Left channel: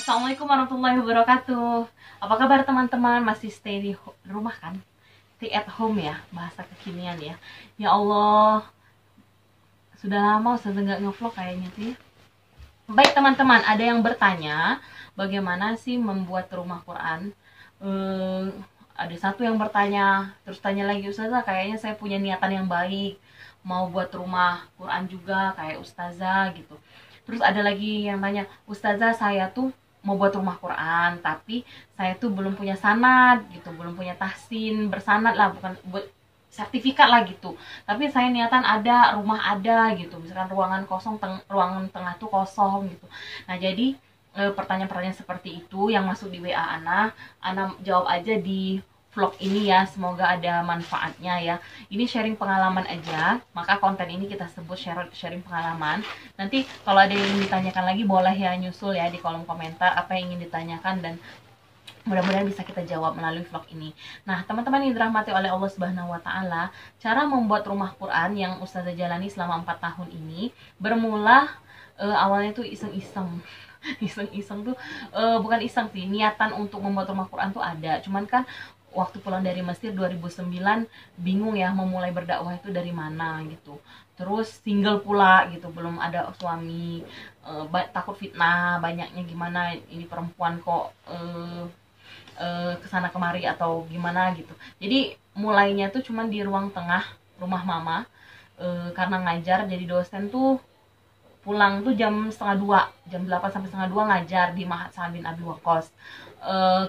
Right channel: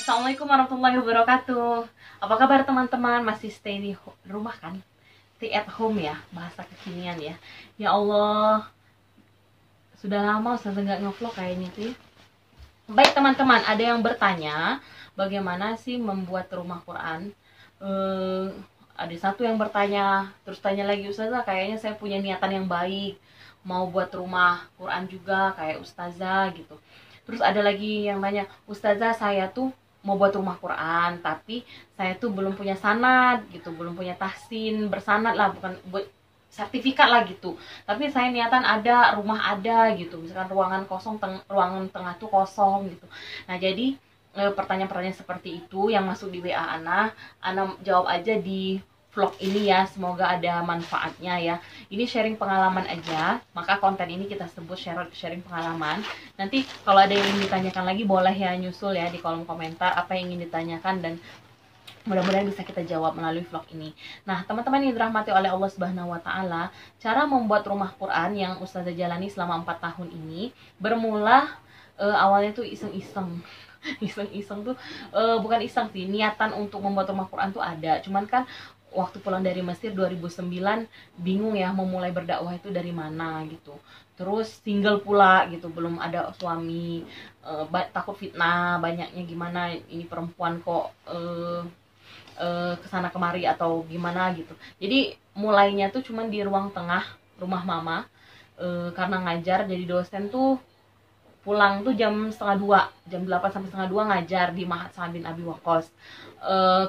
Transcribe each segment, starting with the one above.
Assalamualaikum warahmatullahi wabarakatuh. Apa kabar teman-teman? Masih stay di rumah kan? Stay at home ya, bahasa kekinian ya. Ya Allah, sudah lama saya nggak ngevlog kayaknya sih. Baik teman-teman, ada yang bertanya bagaimana sih membuat rumah Quran. Eh, ada satu yang bertanya, terus tanya lagi, Ustazah kayaknya saya punya niatan yang baik, mau buat rumah Quran juga kayak Ustazah gitu. Terus ada lagi yang tanya, Ustazah saya tuh mau buat rumah Quran, tapi saya tuh belum punya sanad gitu, belum punya tahsin bersanad lah, bukan buat sertifikat lah gitu. Tapi saya niatan ada, rumah ada gitu. Misalkan ruangan kosong, ruangan tengah tuh kosong gitu. Nah, jadi pertanyaan-pertanyaan seperti itu yang masuk di WA Ana jawab aja di vlog ini ya. Semoga ada manfaatnya ya. Ini sharing pengalaman aja, maka konten ini kita sebut sharing pengalaman. Nanti kalau ada yang ingin ditanyakan lagi boleh ya nyusul ya di kolom komentar apa yang ingin ditanyakan, dan mudah-mudahan bisa kita jawab melalui vlog ini. Nah, teman-teman yang dirahmati oleh Allah Subhanahu wa taala, cara membuat rumah Quran yang Ustazah jalani selama 4 tahun ini bermula awalnya tuh iseng-iseng. Iseng-iseng tuh bukan iseng sih, niatan untuk membuat rumah Quran tuh ada. Cuman kan waktu pulang dari Mesir 2009 bingung ya memulai berdakwah itu dari mana gitu. Terus single pula gitu, belum ada suami, takut fitnah, banyaknya gimana ini perempuan kok kesana kemari atau gimana gitu. Jadi mulainya tuh cuman di ruang tengah rumah mama, karena ngajar jadi dosen tuh pulang tuh jam setengah dua, jam 8 sampai setengah dua ngajar di Mahat Sa'ad bin Abi Waqqas.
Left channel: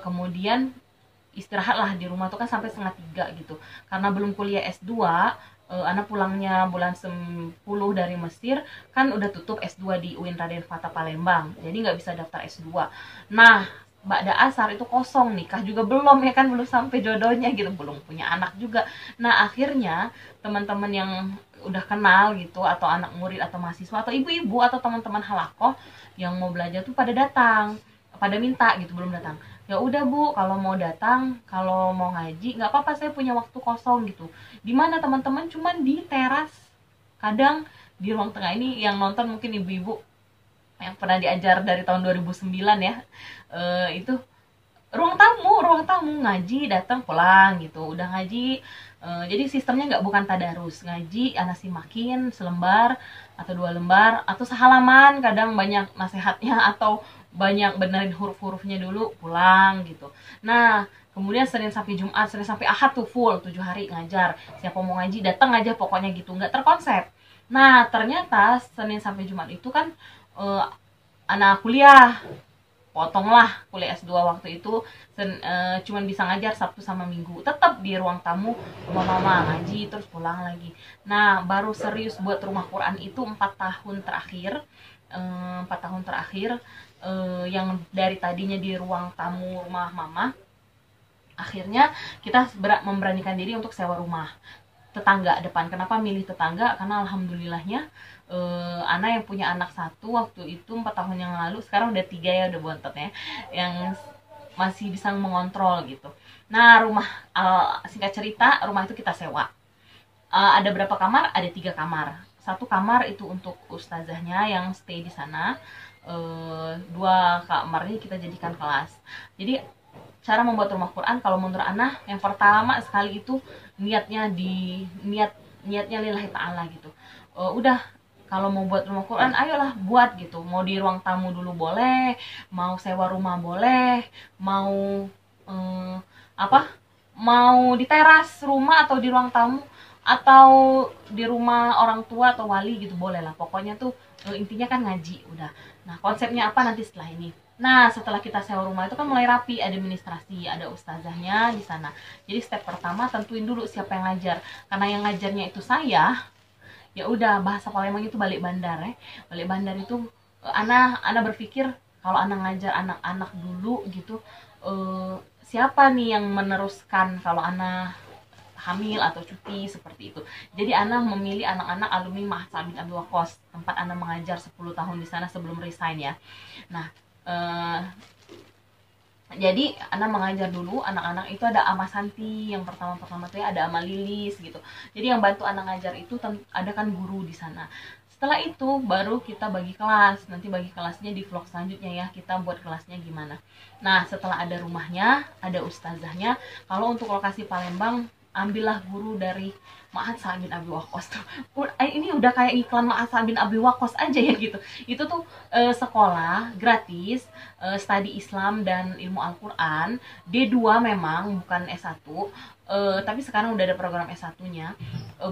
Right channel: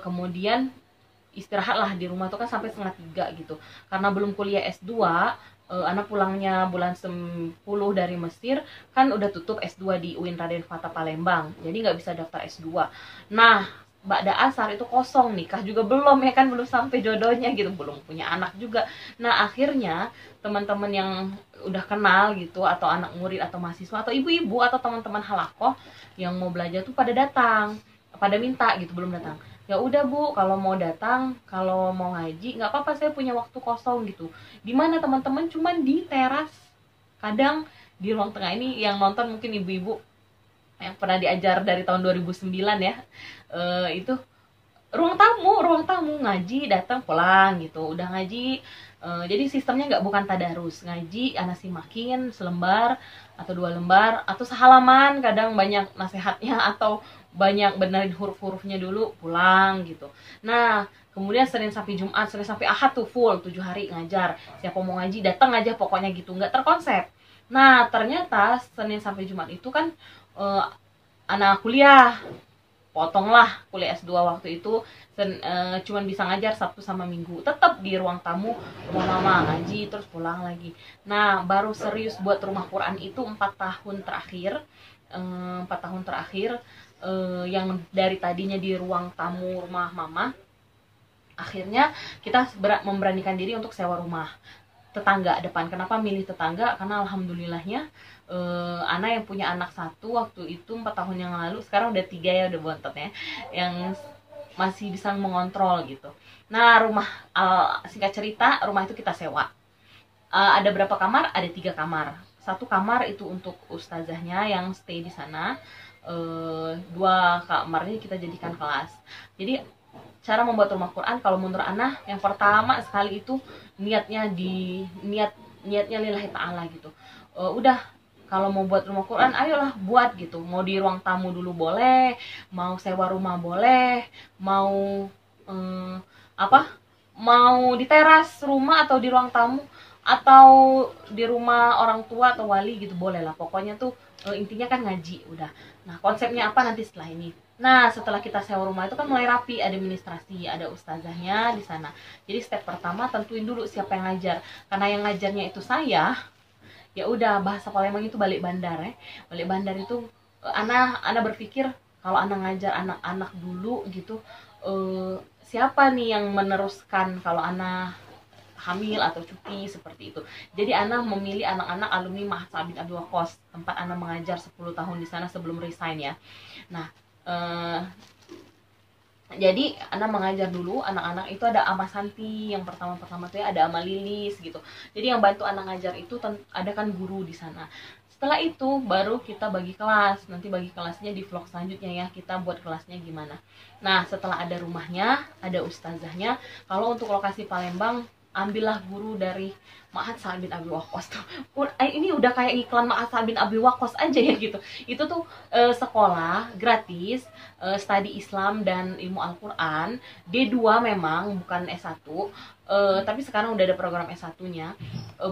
Kemudian istirahat lah di rumah tuh kan sampai setengah tiga gitu, karena belum kuliah S2. Anak pulangnya bulan 10 dari Mesir, kan udah tutup S2 di UIN Raden Fatah Palembang, jadi nggak bisa daftar S2. Nah, Ba'da Asar itu kosong, nikah juga belum ya kan, belum sampai jodohnya gitu, belum punya anak juga. Nah, akhirnya teman-teman yang udah kenal gitu, atau anak murid atau mahasiswa atau ibu-ibu atau teman-teman halakoh yang mau belajar tuh pada datang, pada minta gitu, belum datang. Ya udah Bu, kalau mau datang, kalau mau ngaji nggak apa-apa, saya punya waktu kosong gitu. Di mana teman-teman? Cuman di teras, kadang di ruang tengah ini. Yang nonton mungkin ibu-ibu yang pernah diajar dari tahun 2009 ya, itu ruang tamu ngaji, datang pulang gitu, udah ngaji. Jadi sistemnya nggak, bukan tadarus, ngaji anak simakin selembar atau dua lembar atau sehalaman, kadang banyak nasihatnya atau banyak benerin huruf-hurufnya dulu pulang gitu. Nah, kemudian Senin sampai Jumat, Senin sampai Ahad tuh full 7 hari ngajar, siapa mau ngaji datang aja pokoknya gitu, nggak terkonsep. Nah, ternyata Senin sampai Jumat itu kan eh, anak kuliah, potonglah kuliah S2 waktu itu. Cuman bisa ngajar Sabtu sama Minggu, tetap di ruang tamu rumah mama ngaji terus pulang lagi. Nah, baru serius buat rumah Quran itu 4 tahun terakhir. 4 tahun terakhir, yang dari tadinya di ruang tamu rumah mama, akhirnya kita memberanikan diri untuk sewa rumah tetangga depan. Kenapa milih tetangga? Karena alhamdulillahnya Ana yang punya anak satu waktu itu 4 tahun yang lalu, sekarang udah 3 ya, udah bontot ya, yang masih bisa mengontrol gitu. Nah, rumah, singkat cerita, rumah itu kita sewa. Ada berapa kamar? Ada 3 kamar. Satu kamar itu untuk ustazahnya yang stay di sana. 2 kamarnya kita jadikan kelas. Jadi cara membuat rumah Quran kalau menurut Ana, yang pertama sekali itu niatnya lillahi ta'ala gitu. Udah, kalau mau buat rumah Quran ayolah buat gitu, mau di ruang tamu dulu boleh, mau sewa rumah boleh, mau apa, mau di teras rumah atau di ruang tamu atau di rumah orang tua atau wali gitu, boleh lah pokoknya tuh. Intinya kan ngaji udah. Nah, konsepnya apa nanti setelah ini. Nah, setelah kita sewa rumah itu kan mulai rapi, administrasi, ada ustazahnya di sana. Jadi step pertama tentuin dulu siapa yang ngajar. Karena yang ngajarnya itu saya, ya udah, bahasa Palembang itu balik bandar ya. Balik bandar itu ana berpikir kalau ana ngajar anak-anak dulu gitu, siapa nih yang meneruskan kalau ana hamil atau cuti seperti itu. Jadi Ana memilih anak-anak alumni Mahat Sa'ad bin Abi Waqqas, tempat Ana mengajar 10 tahun di sana sebelum resign ya. Nah, jadi Ana mengajar dulu anak-anak itu, ada Ama Santi yang pertama-pertama tuh ya, ada Ama Lilis gitu. Jadi yang bantu Ana ngajar itu ada kan guru di sana. Setelah itu baru kita bagi kelas. Nanti bagi kelasnya di vlog selanjutnya ya, kita buat kelasnya gimana. Nah, setelah ada rumahnya, ada ustazahnya. Kalau untuk lokasi Palembang, ambillah guru dari Ma'had Sa'ad bin Abi Waqqas tuh. Ini udah kayak iklan Ma'had Sa'ad bin Abi Waqqas aja ya gitu. Itu tuh sekolah gratis, studi Islam dan ilmu Al-Quran. D2 memang, bukan S1. Tapi sekarang udah ada program S1-nya.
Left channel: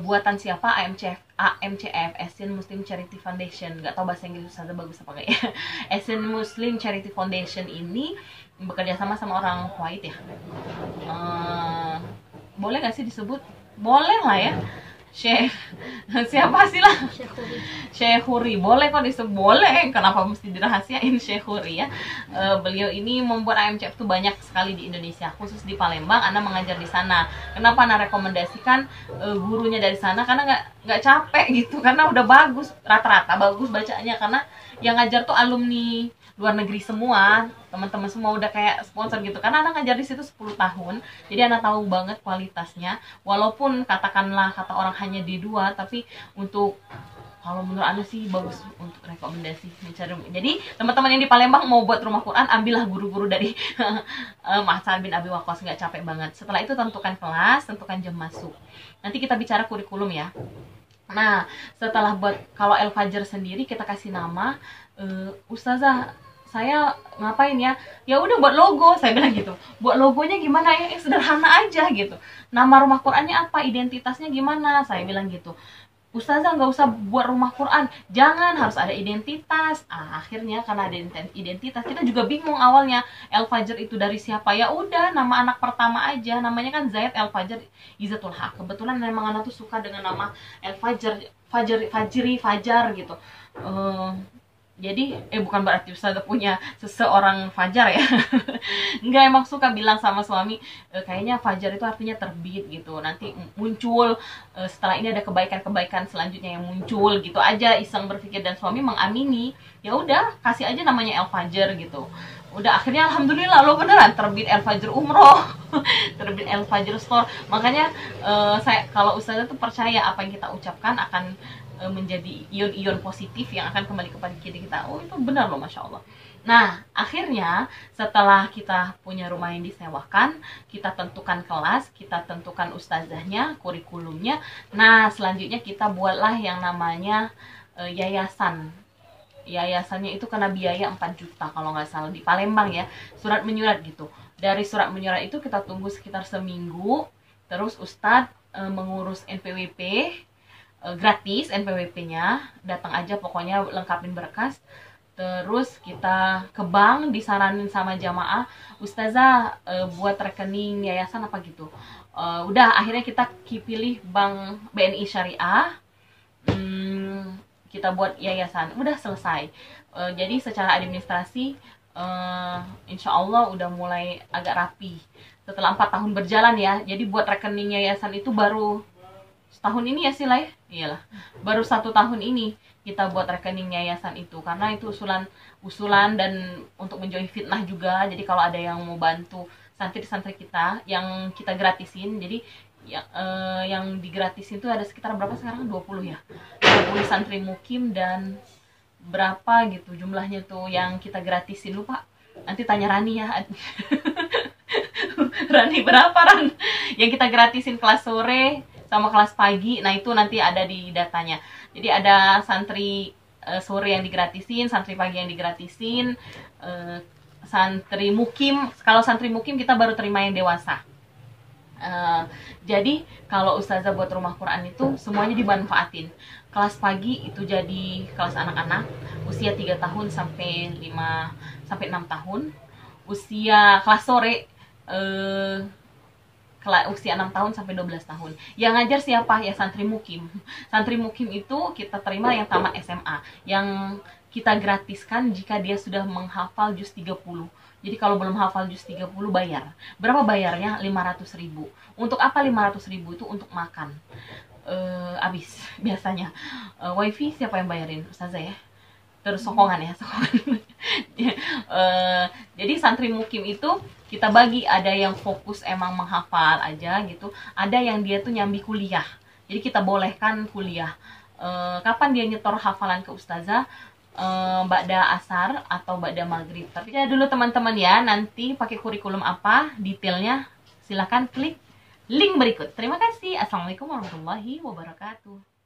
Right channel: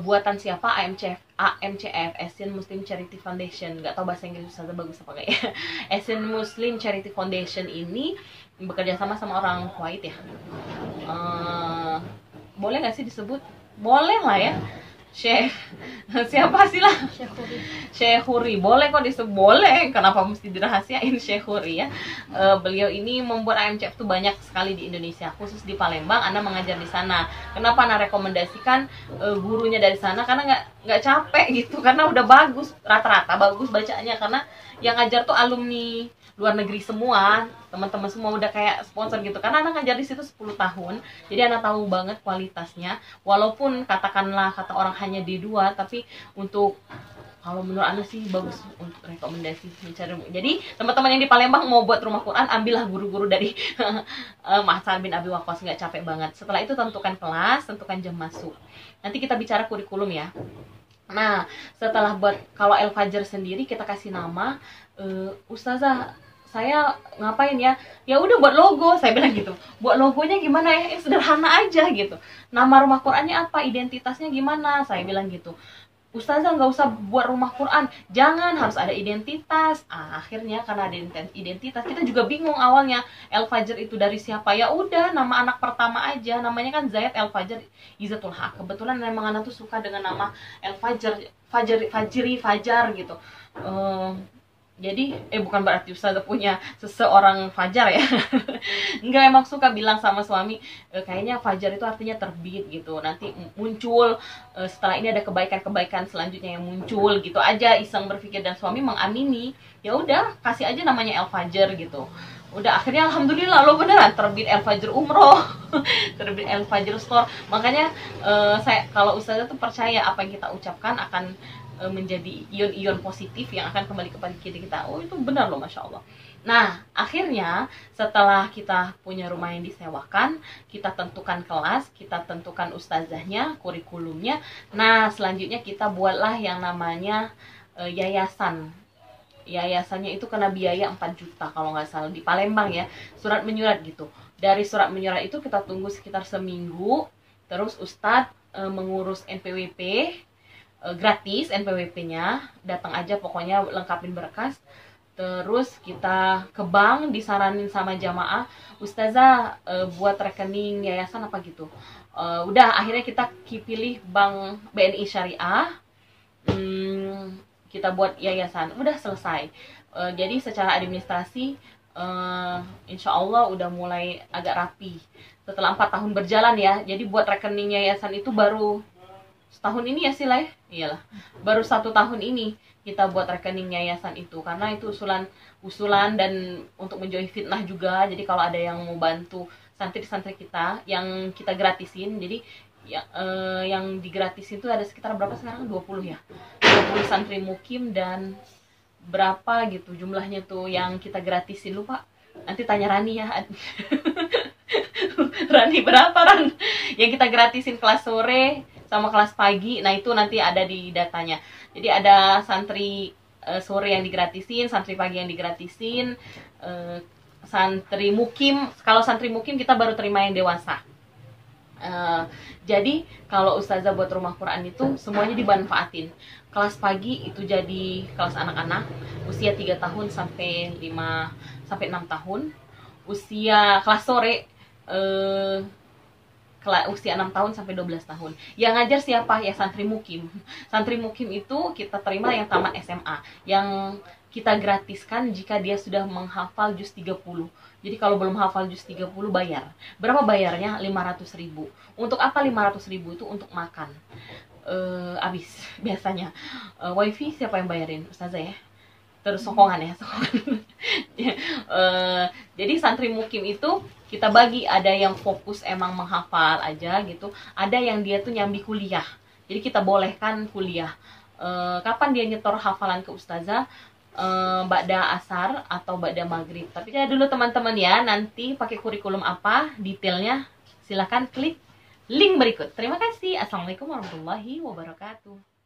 Buatan siapa? AMCF, Asian Muslim Charity Foundation. Gak tau bahasa Inggris Ustazah bagus apa kayak. Asian Muslim Charity Foundation ini bekerja sama orang Kuwait ya. Boleh gak sih disebut? Boleh lah ya. Syekh siapa sih lah? Syekh Huri. Boleh kok disebut, boleh. Kenapa mesti dirahasiain Syekh Huri ya? Beliau ini membuat AMCF tuh banyak sekali di Indonesia, khusus di Palembang. Ana mengajar di sana. Kenapa Ana rekomendasikan gurunya dari sana? Karena nggak capek gitu, karena udah bagus, rata-rata bagus bacaannya. Karena yang ngajar tuh alumni luar negeri semua, teman-teman semua udah kayak sponsor gitu. Karena anak ngajar di situ 10 tahun, jadi anak tahu banget kualitasnya. Walaupun katakanlah kata orang hanya D2, tapi untuk kalau menurut anak sih bagus untuk rekomendasi mencari. Jadi teman-teman yang di Palembang mau buat rumah Quran, ambillah guru-guru dari Ma'had Sa'ad bin Abi Waqqas, nggak capek banget. Setelah itu tentukan kelas, tentukan jam masuk. Nanti kita bicara kurikulum ya. Nah, setelah buat kalau El Fajr sendiri kita kasih nama, Ustazah saya ngapain ya? Ya udah buat logo, saya bilang gitu. Buat logonya gimana ya? Sederhana aja gitu. Nama rumah Qurannya apa? Identitasnya gimana? Saya bilang gitu. Ustazah nggak usah buat rumah Quran, jangan, harus ada identitas. Akhirnya karena ada identitas, kita juga bingung awalnya El Fajr itu dari siapa. Ya udah, nama anak pertama aja, namanya kan Zaid El Fajr Izzatul Haq. Kebetulan memang anak tuh suka dengan nama El Fajr, Fajar gitu. Jadi bukan berarti Ustazah punya seseorang Fajar ya. Enggak, emang suka bilang sama suami, kayaknya Fajar itu artinya terbit gitu. Nanti muncul, setelah ini ada kebaikan-kebaikan selanjutnya yang muncul gitu aja, iseng berpikir, dan suami mengamini. Ya udah, kasih aja namanya El Fajar gitu. Udah, akhirnya alhamdulillah lo beneran terbit El Fajr Umroh. Terbit El Fajr Store. Makanya saya kalau Ustazah tuh percaya apa yang kita ucapkan akan menjadi ion-ion positif yang akan kembali kepada kita. Oh, itu benar loh, Masya Allah. Nah, akhirnya setelah kita punya rumah yang disewakan, kita tentukan kelas, kita tentukan ustazahnya, kurikulumnya. Nah, selanjutnya kita buatlah yang namanya yayasan. Yayasannya itu kena biaya 4 juta kalau nggak salah, di Palembang ya. Surat menyurat gitu. Dari surat menyurat itu kita tunggu sekitar seminggu. Terus Ustadz mengurus NPWP, gratis NPWP-nya, datang aja pokoknya lengkapin berkas. Terus kita ke bank, disaranin sama jamaah, Ustazah buat rekening yayasan apa gitu. Udah, akhirnya kita pilih bank BNI Syariah, kita buat yayasan, udah selesai. Jadi secara administrasi insya Allah udah mulai agak rapi setelah 4 tahun berjalan ya. Jadi buat rekening yayasan itu baru setahun ini ya sih lah ya. Iyalah, baru 1 tahun ini kita buat rekening yayasan itu, karena itu usulan dan untuk menjauhi fitnah juga. Jadi kalau ada yang mau bantu santri-santri kita yang kita gratisin, jadi yang digratisin itu ada sekitar berapa sekarang? 20 ya, 20 santri mukim, dan berapa gitu jumlahnya tuh yang kita gratisin, lupa, nanti tanya Rani ya. Rani, berapa Ran yang kita gratisin kelas sore sama kelas pagi? Nah itu nanti ada di datanya. Jadi ada santri sore yang digratisin, santri pagi yang digratisin, santri mukim. Kalau santri mukim kita baru terima yang dewasa. Jadi kalau Ustazah buat rumah Quran itu semuanya dimanfaatin. Kelas pagi itu jadi kelas anak-anak usia 3 tahun sampai 6 tahun. Usia kelas sore usia 6 tahun sampai 12 tahun. Yang ngajar siapa? Ya santri mukim. Santri mukim itu kita terima yang tamat SMA, yang kita gratiskan jika dia sudah menghafal juz 30. Jadi kalau belum hafal juz 30 bayar. Berapa bayarnya? 500.000. Untuk apa 500.000 itu? Untuk makan. Habis biasanya. Wifi siapa yang bayarin? Ustazah ya. Terus sokongan ya, sokongan. Jadi santri mukim itu kita bagi, ada yang fokus emang menghafal aja gitu, ada yang dia tuh nyambi kuliah. Jadi kita bolehkan kuliah. kapan dia nyetor hafalan ke ustazah, ba'da asar atau ba'da maghrib. Tapi saya dulu teman-teman ya, nanti pakai kurikulum apa detailnya silahkan klik link berikut. Terima kasih. Assalamualaikum warahmatullahi wabarakatuh.